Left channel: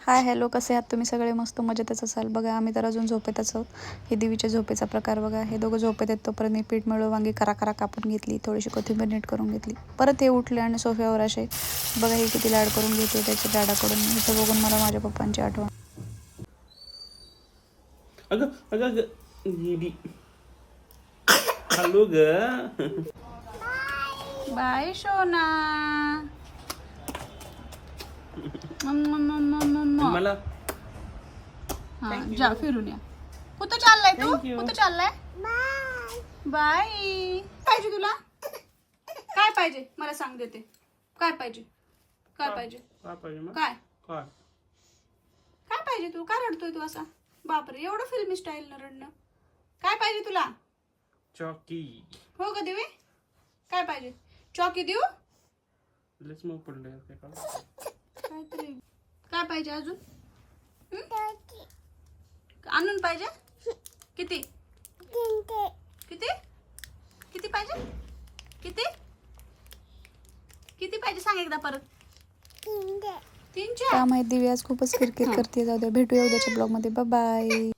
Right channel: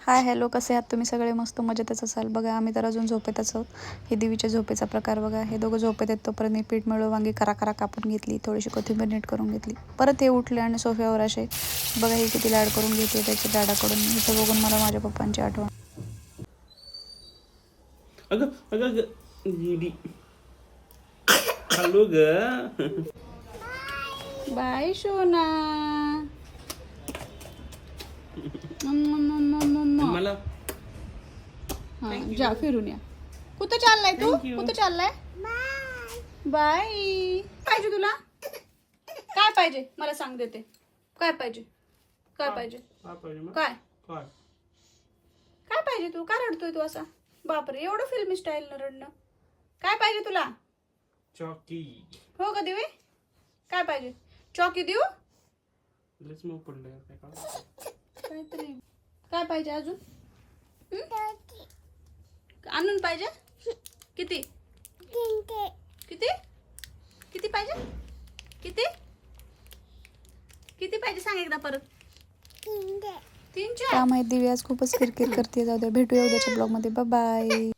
Hi hello, कसे आहात तुम्ही सगळे? मस्त मजेतच असाल. बघा आम्ही तर अजून झोपेतच आहोत. हे दिवीच्या झोपेचा प्रकार बघा. हे दोघं झोपेत आहेत तोपर्यंत मी पीठ मिळव वांगी करा कापून घेतली, थोडीशी कोथिंबीर नीट करून घेतली. परत हे उठले आणि सोफ्यावर असे बघा हे किती लाड करून घेते त्याच्या डाडाकडून. हिचं बघून मला माझ्या पप्पांची आठवण. अगं अगं अगं दीदी हॅलो ग. बाय सोना. मला जा फिरून या. कुठं चाललाय तू? Thank you. कुठं चाललाय? बाय. पाहिजे तुला? काय पाहिजे मला सांग, देते. काय पाहिजे? काय पाहिजे? काय पाहिजे मग? काय काय काय पाहिजे? तू काय रडतोय तू असा? बापरे, एवढं फिल्मी स्टाईल न रडणं. काय पाहिजे तुला? चॉकी. हो का देवी? काय पाहिजे? चॉकी देऊ? लस मग पडलं का? काहीतरी. काय पाहिजे अजून? आणून पाहिजे? किती किती किती पाहिजे? किती किती पाहिजे सांग एकदा परत. 3 का माहिती दिवी आज खूपच किरकिर करते. जाऊ द्या, भेटूया उद्याच्या ब्लॉग मध्ये. Bye bye.